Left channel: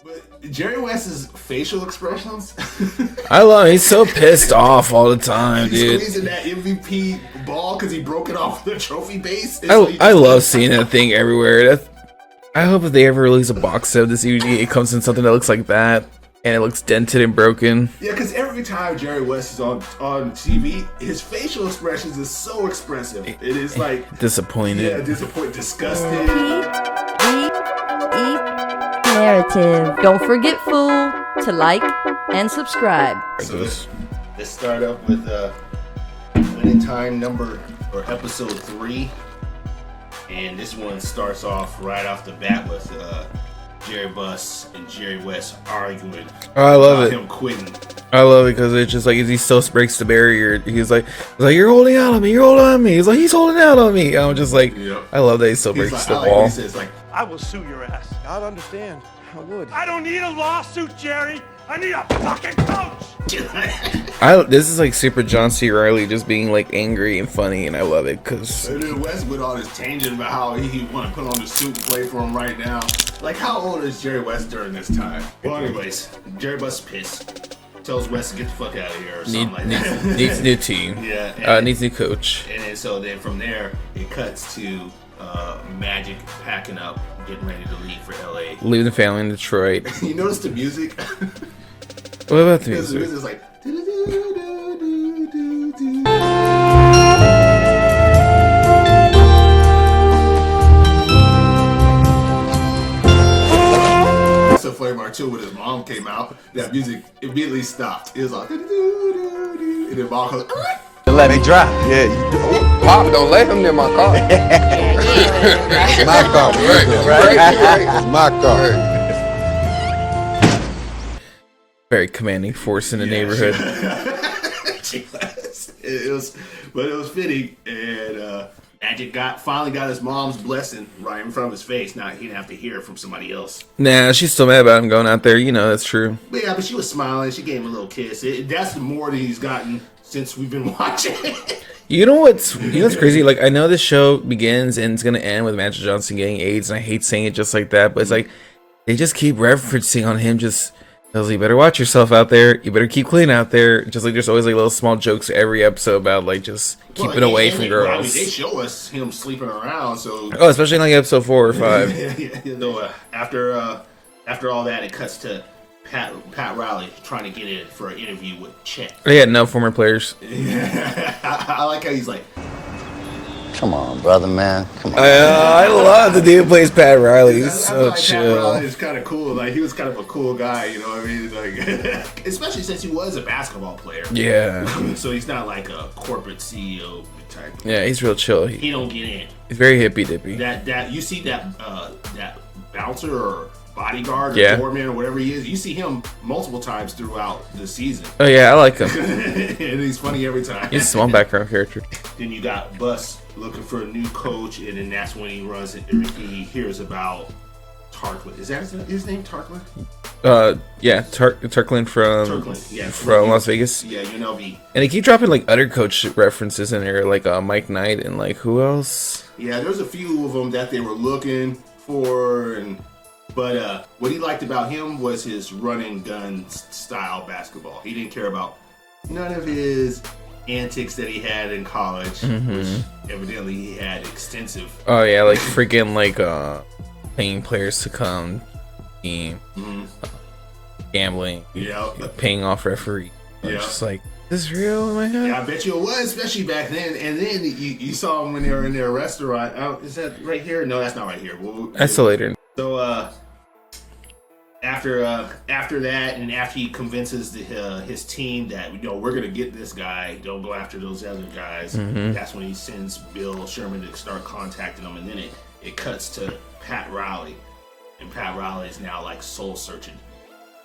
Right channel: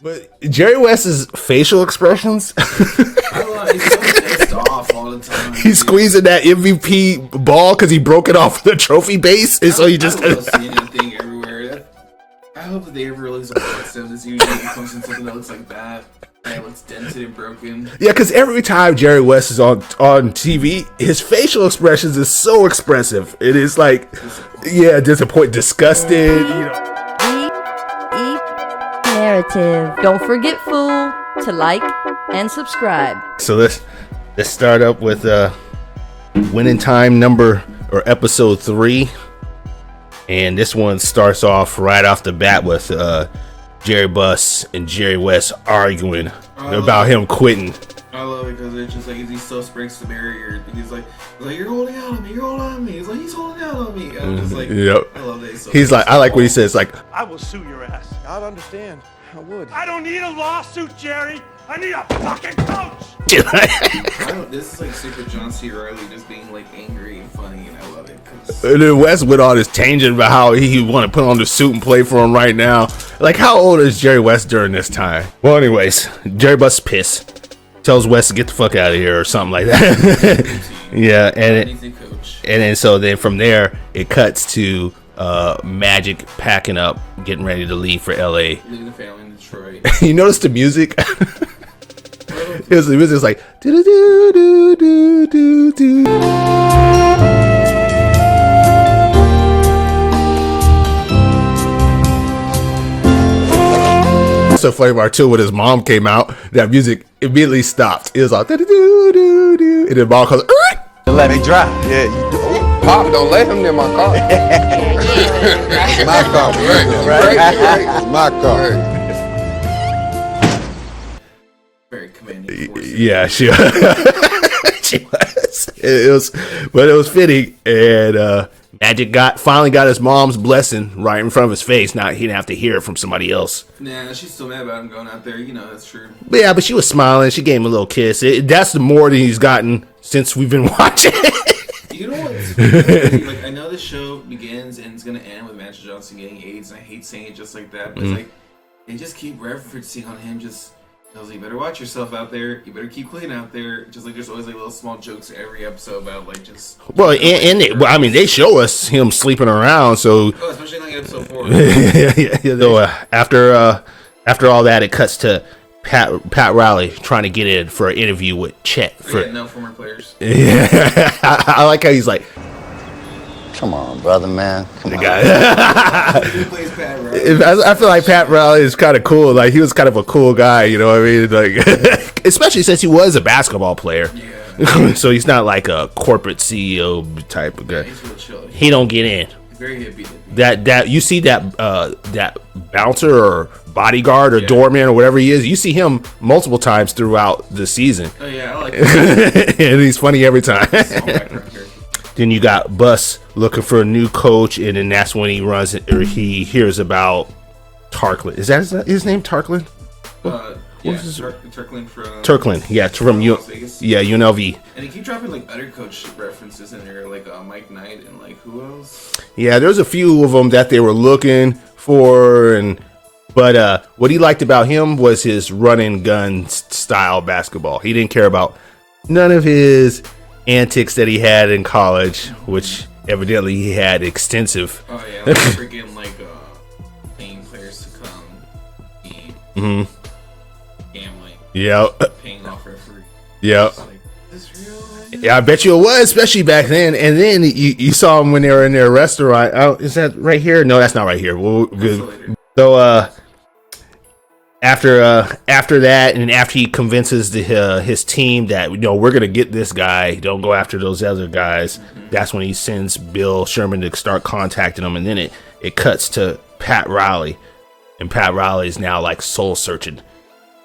But Jerry West's facial expressions, I love it. He's so pissed off all the time. He's squeezing that MVP ball because he broke it off the trophy base. And I love seeing that thing everywhere. I hope if they ever release a box set of this, usually it comes in something that looks like that. And it looks dented and broken. Yeah, because every time Jerry West is on TV, his facial expressions is so expressive. It is like disappointing. Yeah, disappointed, disgusted. Narrative. Don't forget, fool, to like and subscribe. So let's start up with winning time episode 3, and this one starts off right off the bat with Jerry Buss and Jerry West arguing about him quitting. I love it because it's just like he still breaks the barrier. He's like, you're holding out on me, you're holding on me. He's like, he's holding out on me. I'm just like, yep. I love that he's like, I like what he says, like, I will sue your ass. I'd understand. I would. I don't need a lawsuit, Jerry. I need a fucking coach. This is like super John C. Reilly just being like angry and funny, and I love it because. And then West went on his tangent about how he want to put on the suit and play for him right now. Like, how old is Jerry West during this time? Well, anyways, Jerry Buss pissed. Tells West to get the fuck out of here or something like that. New team. Yeah, and needs a coach. And then from there it cuts to Magic packing up, getting ready to leave for LA. Leaving the family in Detroit. You notice the music? What about the music? It was just like do do do do do do. So funny part too, when his mom came out, that music immediately stopped. It was like do do do do, and then mom goes, let me drive. Yeah, Pop, don't let him near my car. My car, right? My car. Very commanding force in the neighborhood. She was. It was fitting, and Magic finally got his mom's blessing right in front of his face. Now he didn't have to hear it from somebody else. Nah, she's still mad about him going out there. You know, that's true. But yeah, but she was smiling. She gave him a little kiss. That's the more than he's gotten since we've been watching. You know what's crazy? Like, I know this show begins and it's gonna end with Magic Johnson getting AIDS, and I hate saying it just like that, but it's like they just keep referencing on him. Just tells you better watch yourself out there. You better keep clean out there. Just like there's always like little small jokes every episode about like just I mean, they show us him sleeping around. So especially in like episode 4 or 5. yeah. So after all that, it cuts to Pat Riley trying to get in for an interview with Chet. No former players. Yeah, I like how he's like, come on, brother, man. Come on. I love the dude who plays Pat Riley. I feel like Pat Riley is kind of cool. Like, he was kind of a cool guy, you know what I mean? Like, especially since he was a basketball player. Yeah. So he's not like a corporate CEO type of guy. Yeah, he's real chill. He don't get in. He's very hippy dippy. That you see that bouncer or bodyguard or doorman or whatever he is, you see him multiple times throughout the season. Oh yeah, I like him. And he's funny every time. He's a small background character. Then you got Buss looking for a new coach, and then that's when he hears about Tarklin. Is that his name, Tarklin? Yeah, Turkland from Turkland. Yeah, from Las Vegas. Yeah, UNLV. And they keep dropping like other coach references in there, like Mike Knight and like who else? Yeah, there's a few of them that they were looking for, but what he liked about him was his run and gun style basketball. He didn't care about none of his antics that he had in college, which evidently he had extensive. Oh yeah, like freaking like paying players to come team, gambling, paying off referee. Just like, is this real? Yeah, I bet you it was, especially back then. And then you saw him when they were in their restaurant. Oh, is that right here? No, that's not right here. That's later. So after that, and after he convinces his team that, we're gonna get this guy, don't go after those other guys, that's when he sends Bill Sherman to start contacting them. And then it cuts to Pat Riley, and Pat Riley is now like soul searching.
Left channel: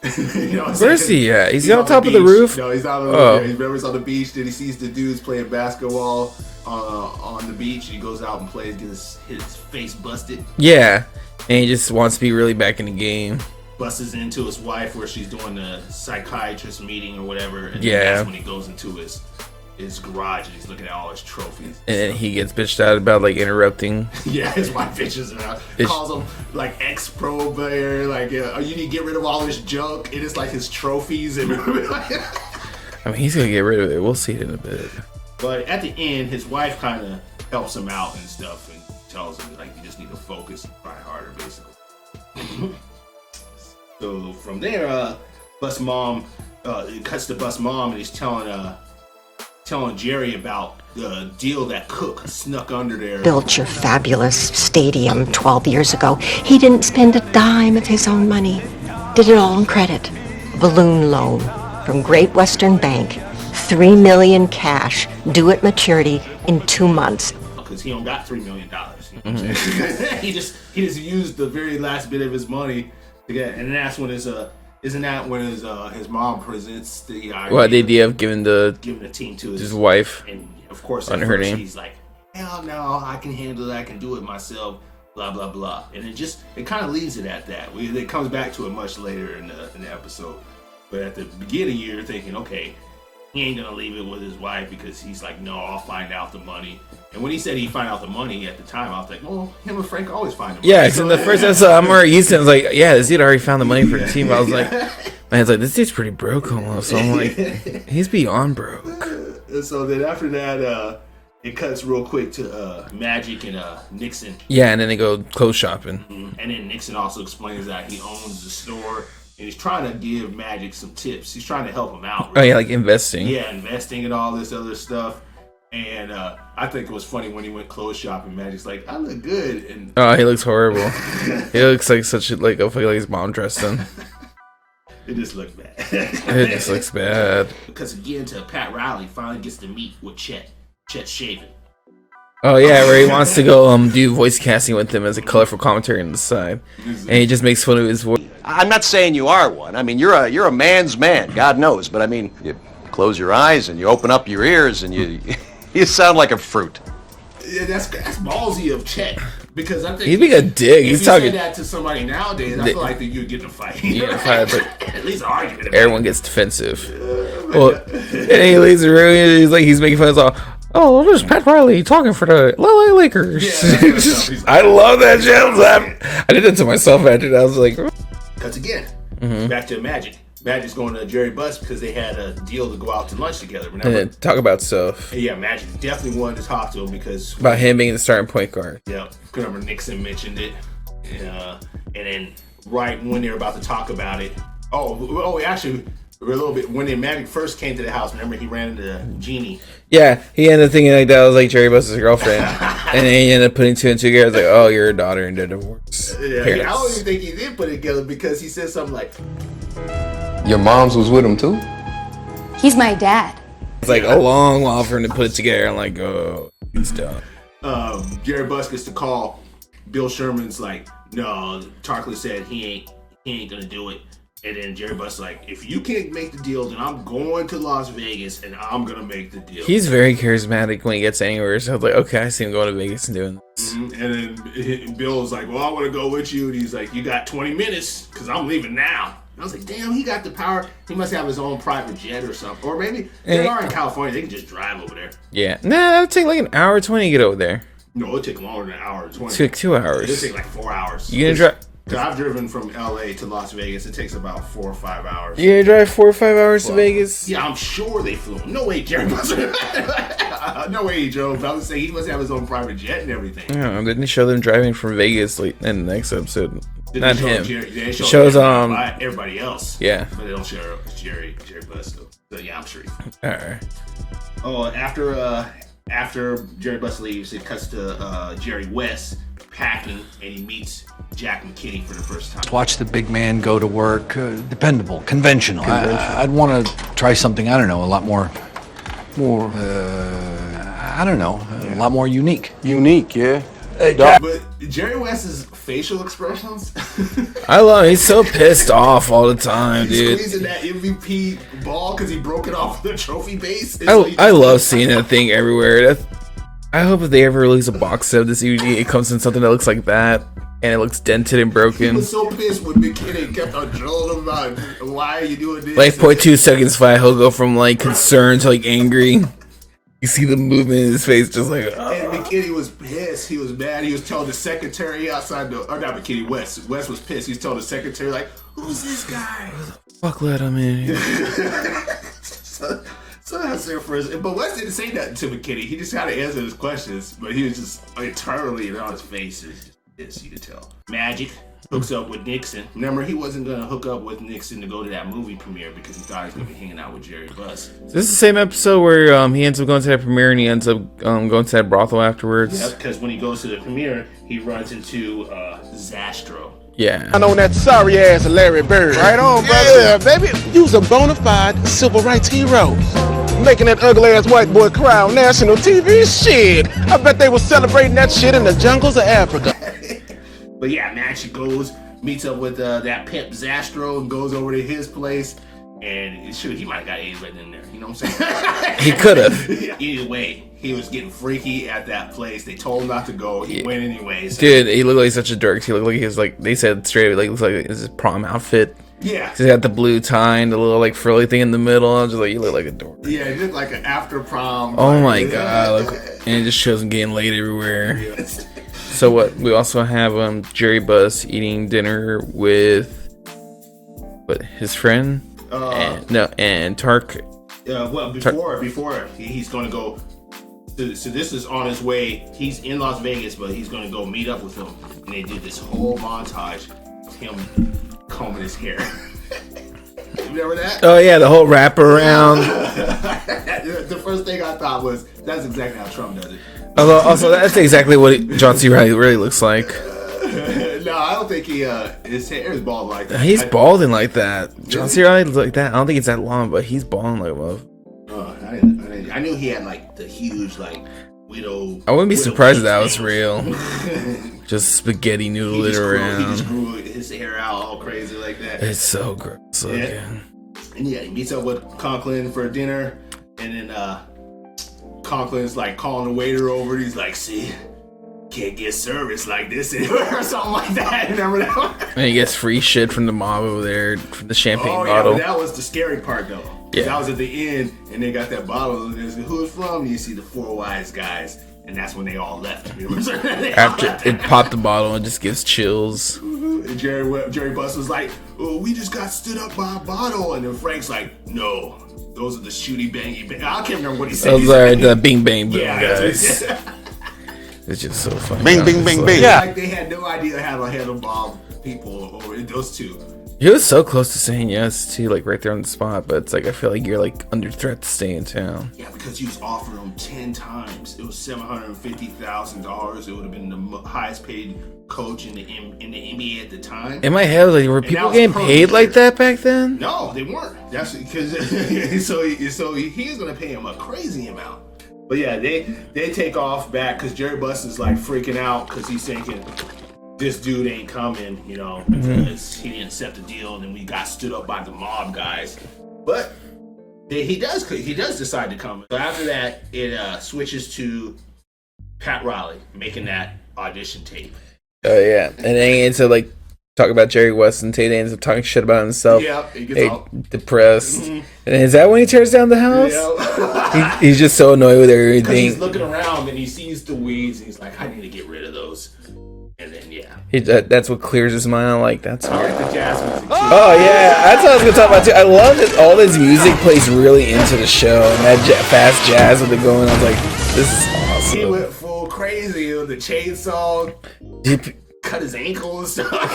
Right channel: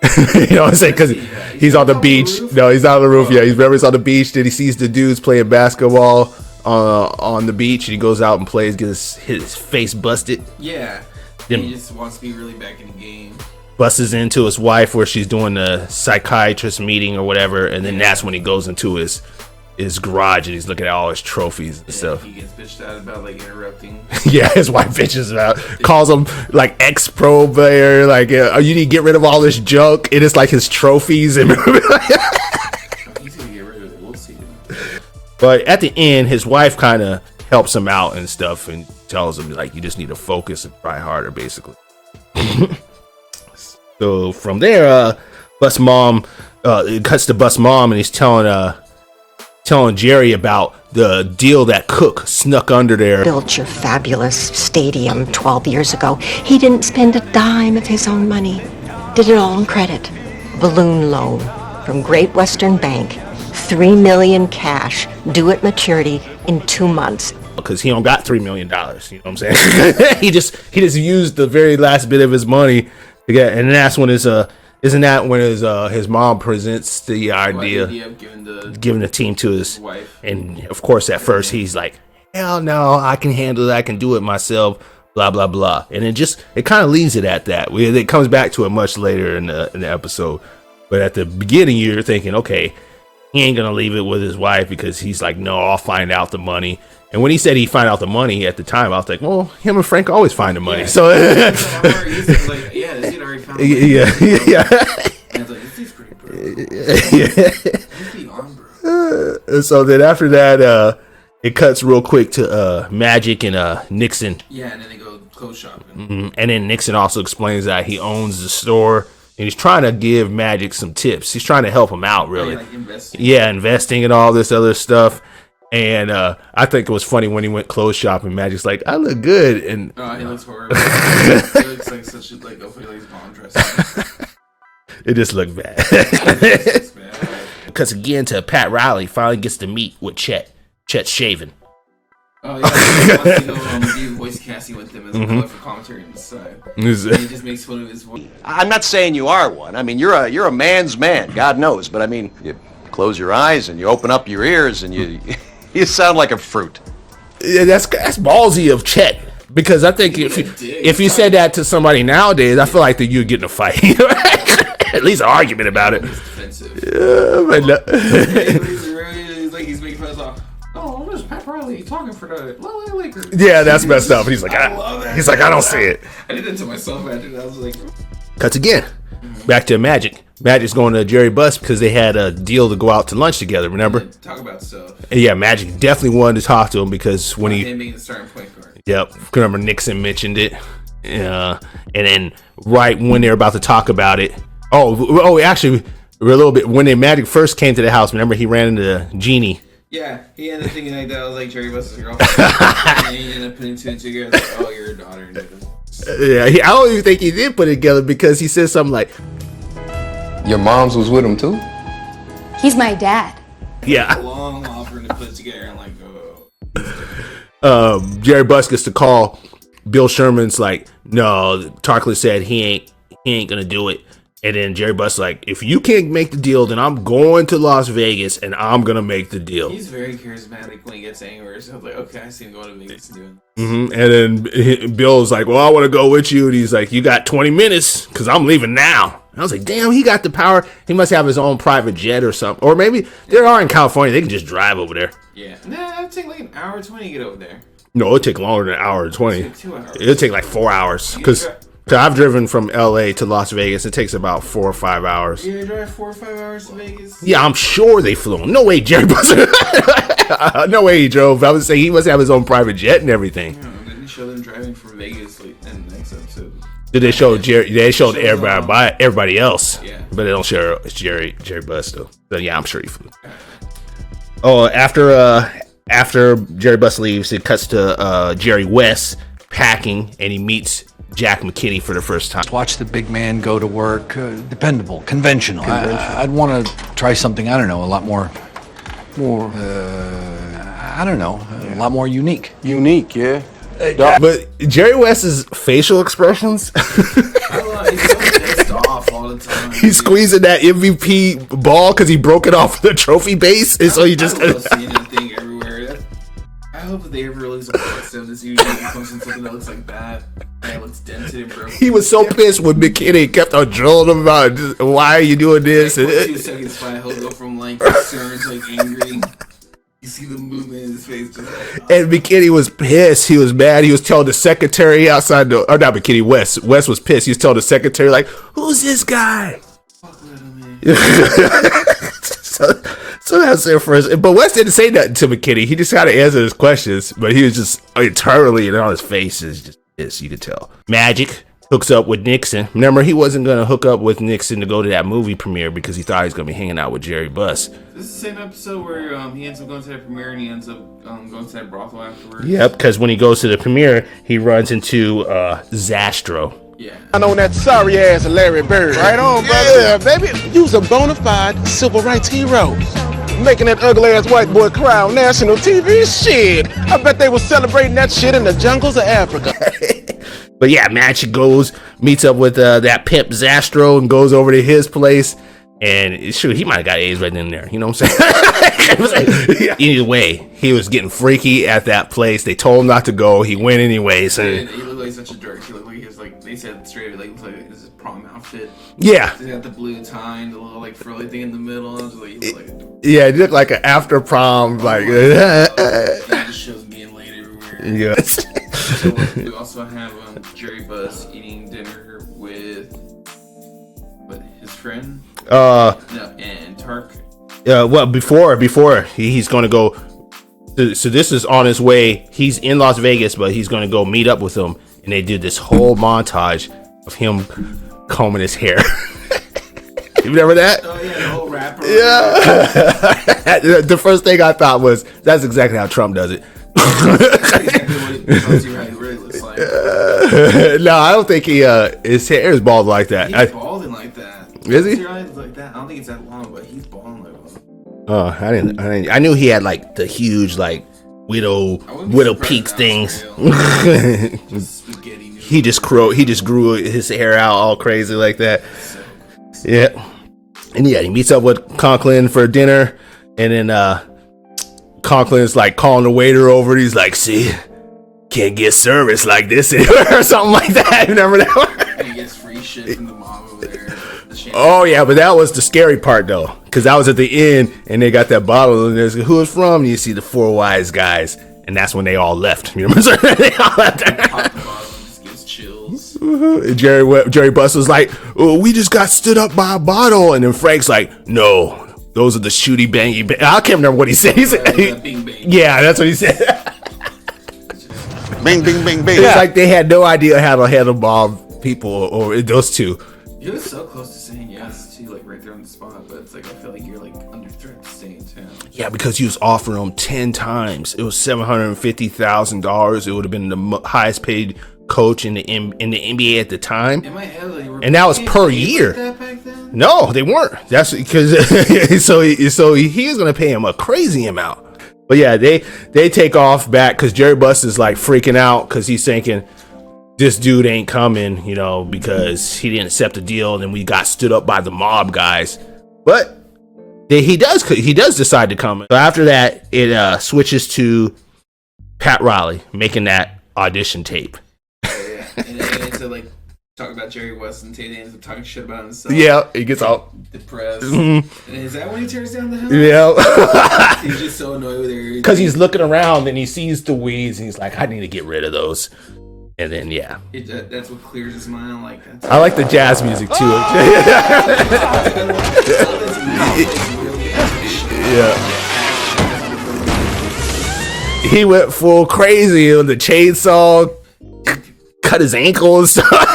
You know what I'm saying? Because he's on the beach. No, he's not on the roof. Yeah, he's on the beach. Then he sees the dudes playing basketball on the beach, and he goes out and plays, gets his face busted. Yeah, and he just wants to be really back in the game. Busts into his wife where she's doing the psychiatrist meeting or whatever, and then that's when he goes into his his garage and he's looking at all his trophies. And stuff. he gets bitched out about like interrupting. Yeah, his wife bitches out, calls him like ex-pro player, like you need to get rid of all this junk. And it's like his trophies. And I mean, he's gonna get rid of it. We'll see it in a bit. but at the end, his wife kind of helps him out and stuff, and tells him like you just need to focus and try harder, basically. So from there, Bus Mom, it cuts to Bus Mom, and he's telling Jerry about the deal that Cook snuck under there. Built your fabulous stadium 12 years ago. He didn't spend a dime of his own money. Did it all on credit. Balloon loan from Great Western Bank. $3 million cash, due at maturity in 2 months. Because he don't got $3 million. You know what I'm saying? he just used the very last bit of his money to get, and that's when isn't that when his mom presents the idea of giving the team to his wife, and of course at first he's like, hell no, I can handle it, I can do it myself, blah blah blah, and it kind of leaves it at that. It comes back to it much later in the episode, but at the beginning you're thinking, okay, he ain't gonna leave it with his wife because he's like, no, I'll find out the money. And when he said he'd find out the money at the time, I was like, well, him and Frank always find the money. Yeah, so I'm already used to it. I was like, yeah, this dude already found the money for the team. I was like, and it's like, this dude's pretty broke almost. So I'm like, he's beyond broke. So then after that, it cuts real quick to Magic and Nixon. Yeah, and then they go clothes shopping. Mm-hmm. And then Nixon also explains that he owns the store. And he's trying to give Magic some tips. He's trying to help him out, really. Oh, yeah, like investing. Yeah, investing and all this other stuff. And I think it was funny when he went clothes shopping. Magic's like, I look good, and he looks horrible. He looks like like his mom dressed him. It just looked bad. It just looks bad. Because again, to Pat Riley finally gets to meet with Chet. Chet's shaving. Oh yeah, where he wants to go do voice casting with him as a colorful commentary on the side, and he just makes fun of his voice. I'm not saying you are one. I mean, you're a man's man, God knows. But I mean, you close your eyes and you open up your ears and you. You sound like a fruit. Yeah, that's ballsy of Chet, because I think if you said that to somebody nowadays, I feel like that you'd get in a fight. At least an argument about Everyone it. Gets defensive. And he leaves the room. He's making fun of us all. Oh, there's Pat Riley talking for the LA Lakers. Yeah, that's messed up. He's like, I love that. He's like, I don't see it. I did that to myself after that. I was like, cuts again. Back to Magic. Magic's going to Jerry Buss because they had a deal to go out to lunch together. Remember? Yeah, talk about stuff. And yeah, Magic definitely wanted to talk to him because when him being the starting point guard. Yep. Remember Nixon mentioned it. And then right when they're about to talk about it. Actually, a little bit when Magic first came to the house. Remember he ran into Jeannie. Yeah, he ended up thinking like that was like Jerry Buss's girlfriend, and then he ended up putting two and two together. Like, oh, you're a daughter and they're divorced. Yeah, I don't even think he did put it together because he said something like, "Your mom's was with him too." He's my dad. It's like a long while for him to put it together. I'm like, oh, he's done. Jerry Buss gets the call. Bill Sherman's like, no, Tarkley said he ain't gonna do it. And then Jerry Buss like, if you can't make the deal, then I'm going to Las Vegas and I'm gonna make the deal. He's very charismatic when he gets anywhere. So I was like, okay, I see him going to Vegas and doing this. And then Bill's like, well, I want to go with you. And he's like, you got 20 minutes because I'm leaving now. And I was like, damn, he got the power. He must have his own private jet or something. Or maybe they are in California. They can just drive over there. Yeah. Nah, it'll take like an hour 20 to get over there. No, it'll take longer than an hour and 20. It'll take 2 hours. It'll take like 4 hours. So I've driven from LA to Las Vegas. It takes about 4 or 5 hours. You gonna drive 4 or 5 hours to Vegas? Yeah, I'm sure they flew him. No way, Jerry Buss. No way he drove. I would say he must have his own private jet and everything. Yeah, didn't he show them driving from Vegas like in the next episode? Did they show Jerry? They showed everybody else. Yeah, but they don't show Jerry Buss though. So yeah, I'm sure he flew. All right. Oh, after Jerry Buss leaves, it cuts to Jerry West packing, and he meets Jack McKinney for the first time. Watch the big man go to work. Dependable, conventional. I'd want to try something, I don't know, a lot more, I don't know, a lot more unique. Unique, yeah. But Jerry West's facial expressions, I love it. He's so pissed off all the time. He's squeezing that MVP ball because he broke it off the trophy base. I love seeing that thing everywhere. I hope if they ever release a box set of this, it comes in something that looks like that, and it looks dented and broken. He was so pissed when McKinney kept on drilling him about why are you doing this. Like 0.2 seconds flat, he'll go from like concerned to like angry. You see the movement in his face, just like. And McKinney was pissed. He was mad. He was telling the secretary outside the, or not McKinney, West. West was pissed. He was telling the secretary, like, "Who's this guy?" Fuck, let him in. So that's there first. But West didn't say nothing to McKinney. He just kind of answered his questions, but he was just internally and on his face is just pissed. You could tell. Magic hooks up with Nixon. Remember, he wasn't going to hook up with Nixon to go to that movie premiere because he thought he was going to be hanging out with Jerry Buss. Is this the same episode where he ends up going to that premiere and he ends up going to that brothel afterwards? Yep, because when he goes to the premiere, he runs into Zastro. Yeah. I know that sorry ass Larry Bird. Right on, brother. Yeah, baby. You's a bona fide civil rights hero. Making that ugly ass white boy cry on national TV. Shit. I bet they were celebrating that shit in the jungles of Africa. But yeah, Magic goes, meets up with that pimp Zastro and goes over to his place. And shoot, he might have got AIDS right in there. You know what I'm saying? He could have. Either way, he was getting freaky at that place. They told him not to go. He went anyways. Dude, he looked like such a dirk. He looked like he was like, they said straight up, like, looks like his prom outfit. Yeah. He got the blue tie and the little like frilly thing in the middle. I was just like, you look like a dork. Yeah, he looked like an after prom. Oh my god. And he just shows him getting laid everywhere. Yeah. So what? We also have Jerry Buss eating dinner with his friend. And Tark. Well, before he's going to go. So this is on his way. He's in Las Vegas, but he's going to go meet up with him, and they do this whole montage of him combing his hair. You remember that? Oh yeah, the whole wrap around. Yeah. The first thing I thought was that's exactly how Trump does it. That's exactly what John C. Reilly really looks like. No, I don't think his hair is bald like that. He's balding like that. John C. Reilly looks like that. I don't think it's that long, but he's balding like love. Oh, I didn't. I knew he had like the huge like widow. I wouldn't be surprised if that was real. Just spaghetti noodle. He just grew his hair out all crazy like that. It's so gross. Yeah. And yeah, he meets up with Conklin for dinner, and then Conklin's like calling the waiter over. He's like, "See, can't get service like this anywhere," or something like that. Remember that one? And he gets free shit from the mob over there. The champagne. Oh yeah, bottle. but that was the scary part though, because that was at the end, and they got that bottle, and there's who it's from. And you see the four wise guys, and that's when they all left. You remember? They all left. They pop the bottle and just gives chills. And Jerry Buss was like, "Oh, we just got stood up by a bottle," and then Frank's like, "No. Those are the shooty bangy bang." I can't remember what he said. He said the bing bang. Yeah, that's what he said. It's just so funny. Bing, bing, bing, bing. It's like they had no idea how to handle mob people or those two. He was so close to saying yes too, like right there on the spot. But it's like I feel like you're like under threat to stay in town. Yeah, because he was offering them 10 times. It was $750,000. It would have been the highest paid coach in the NBA at the time. In my head, like, were and that was per paid year like that back then? No, they weren't. That's because so he was gonna pay him a crazy amount. But yeah, they take off back because Jerry Buss is like freaking out because he's thinking this dude ain't coming, you know, because he didn't accept the deal, and then we got stood up by the mob guys. But he does decide to come. So after that, it switches to Pat Riley making that audition tape. Oh yeah, and then he ends up like talking about Jerry West, and Tate ends up talking shit about himself. Yeah, he gets all depressed. And is that when he tears down the house? Yeah, he's just so annoyed with everything because he's looking around and he sees the weeds, and he's like, "I need to get rid of those." And then yeah, that's what clears his mind. I like the jazz music too. Oh yeah, that's what I was gonna talk about too. I love that all his music plays really into the show. Fast jazz with the going. Like, this is awesome. He went full crazy on the chainsaw. Cut his ankle and stuff.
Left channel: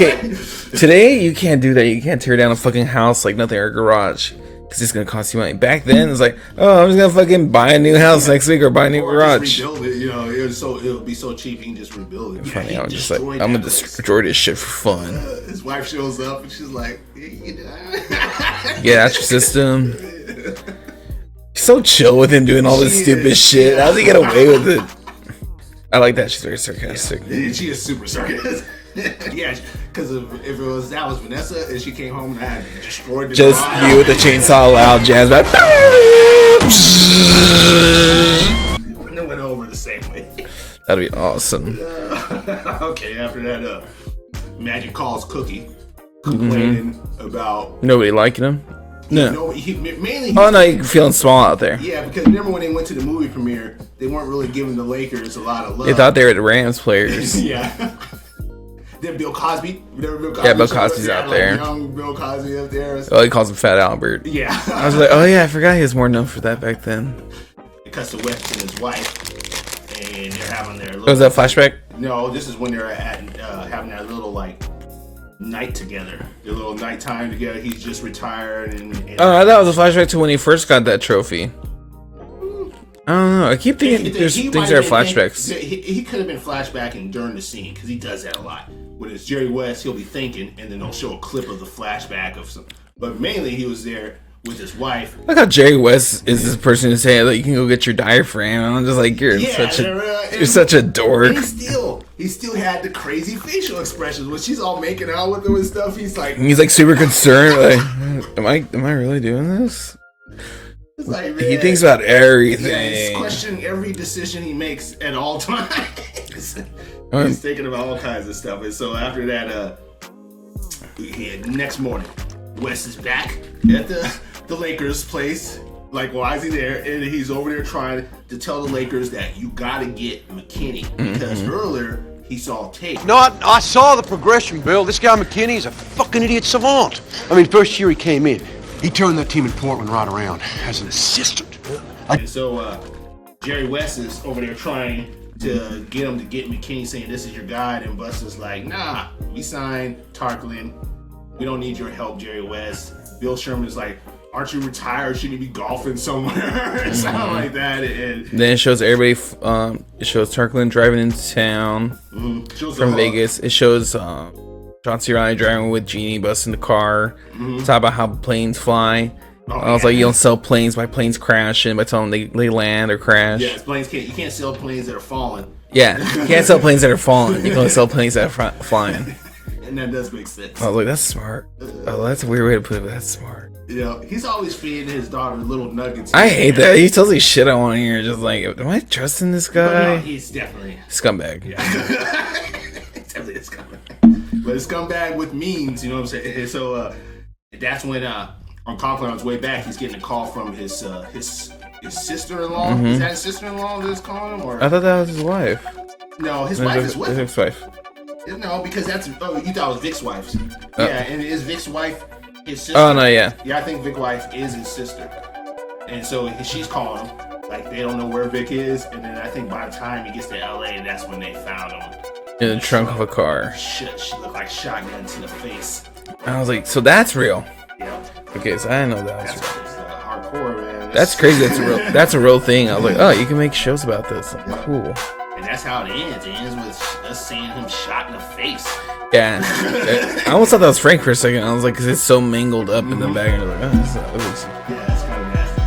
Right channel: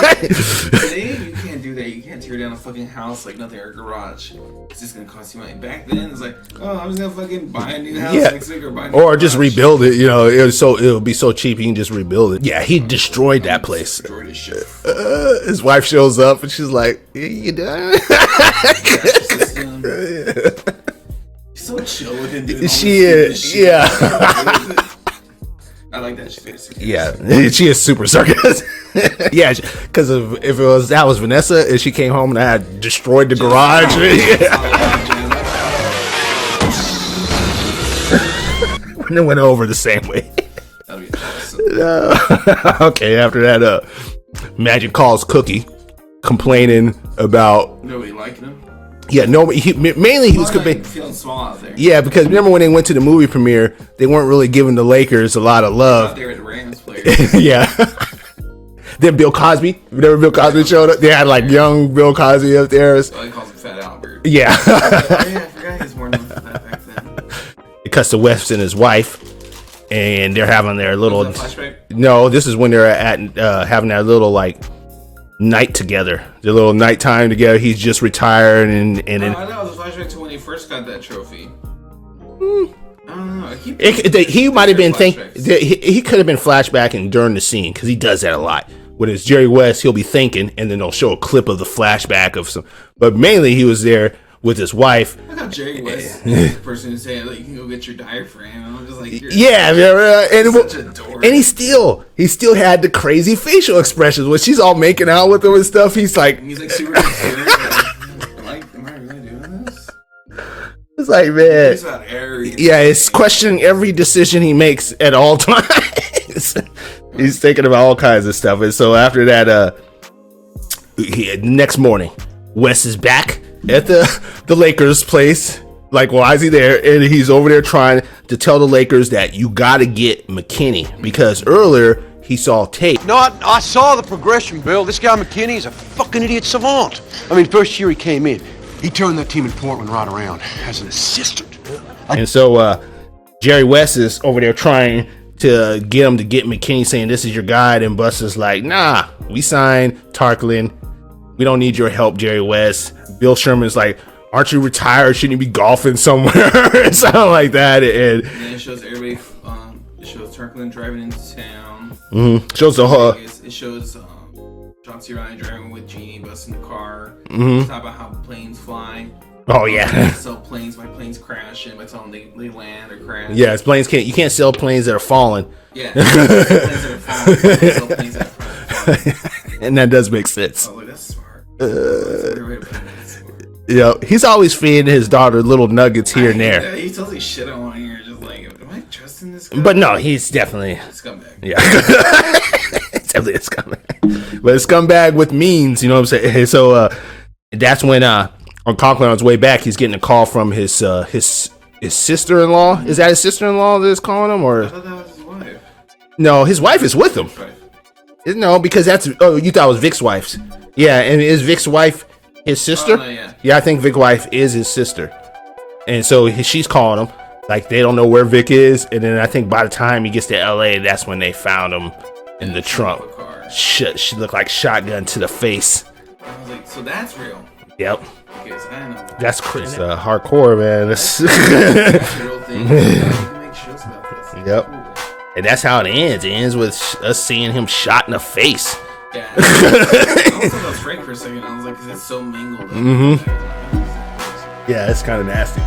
Today you can't do that. You can't tear down a fucking house like nothing or a garage because it's gonna cost you money. Back then it's like, oh, I'm just gonna fucking buy a new house next week or buy a new garage. Just rebuild it. You know, it'll be so cheap you can just rebuild it. Yeah, he destroyed that place. Destroyed his shit for fun. His wife shows up and she's like, "You done?" Yeah, that's your system. He's so chill with him doing all this stupid shit. Yeah. How does he get away with it? I like that she's very sarcastic. Yeah, she is super sarcastic. Yeah, because if that was Vanessa and she came home and I had destroyed the garage, it's all loud jazz. And it went over the same way. That'd be awesome. Okay, after that, Magic calls Cookie, complaining about nobody liking him. Yeah, no, mainly he was feeling small out there. Yeah, because remember when they went to the movie premiere, they weren't really giving the Lakers a lot of love. They thought they were the Rams players. Yeah. Then Bill Cosby. Whenever Bill Cosby showed up, they had like young Bill Cosby up there. Oh, he calls him Fat Albert. Yeah. I was like, oh yeah, I forgot he was more known for that back then. It cuts to West and his wife, and they're having their little. Was that flashback? No, this is when they're at having that little like night together. Their little nighttime together. He's just retired, and I thought it was a flashback to when he first got that trophy. I don't know. I keep thinking he might have been he could have been flashbacking during the scene because he does that a lot. When it's Jerry West, he'll be thinking, and then they'll show a clip of the flashback of some. But mainly, he was there with his wife. Look how Jerry West is this person who's saying, like, you can go get your diaphragm. And I'm just like, you're such a dork. And he still had the crazy facial expressions when she's all making out with him and stuff. He's like super concerned. Like, am I really doing this? It's like, man, he thinks about everything. Yeah, it's questioning every decision he makes at all times. He's thinking about all kinds of stuff. And so after that, next morning, Wes is back at the Lakers place. Like, why is he there? And he's over there trying to tell the Lakers that you got to get McKinney because earlier he saw tape. No, I saw the progression, Bill. This guy McKinney is a fucking idiot savant. I mean, first year he came in, he turned that team in Portland right around as an assistant. And so Jerry West is over there trying to get him to get McKinney, saying this is your guy, and Buster's like, nah, we signed Tarklin. We don't need your help, Jerry West. Bill Sherman's like, aren't you retired? Shouldn't you be golfing somewhere? Something like that. And then it shows everybody. It shows Tarklin driving into town. Shows the whole Vegas. It shows John C. Reilly driving with Jeannie, busting the car. Talk about how planes fly. Oh, I was yeah. like, you don't sell planes by planes crashing, by telling them they land or crash. Yeah, you can't sell planes that are falling. Yeah, you can't sell planes that are falling. You don't sell planes that are flying. And that does make sense. I was like, that's smart. That's a weird way to put it. That's smart. Yeah, he's always feeding his daughter little nuggets here I and hate there. that. He tells me shit I want to hear. Just like, am I trusting this guy? But no, he's definitely scumbag. Yeah, it's definitely a scumbag. But a scumbag with means, you know what I'm saying? So that's when on Conklin on his way back, he's getting a call from his sister-in-law. Is that his sister-in-law that's calling him, or I thought that was his wife. No, his wife is with him. His wife. No, because you thought it was Vic's wife's. Yeah, and is Vic's wife his sister? Oh no, yeah. Yeah, I think Vic's wife is his sister, and so she's calling him. Like, they don't know where Vic is, and then I think by the time he gets to LA, that's when they found him in the trunk of a car. She looked like shotgun to the face. I was like, so that's real. Yep. Okay, so I didn't know that. That's hardcore, man. That's a real thing. I was like, oh, you can make shows about this. Yep. Cool. And that's how it ends. It ends with us seeing him shot in the face. Yeah. I almost thought that was Frank for a second. I was like, because it's so mangled up in the back. Yeah, it's kind of nasty.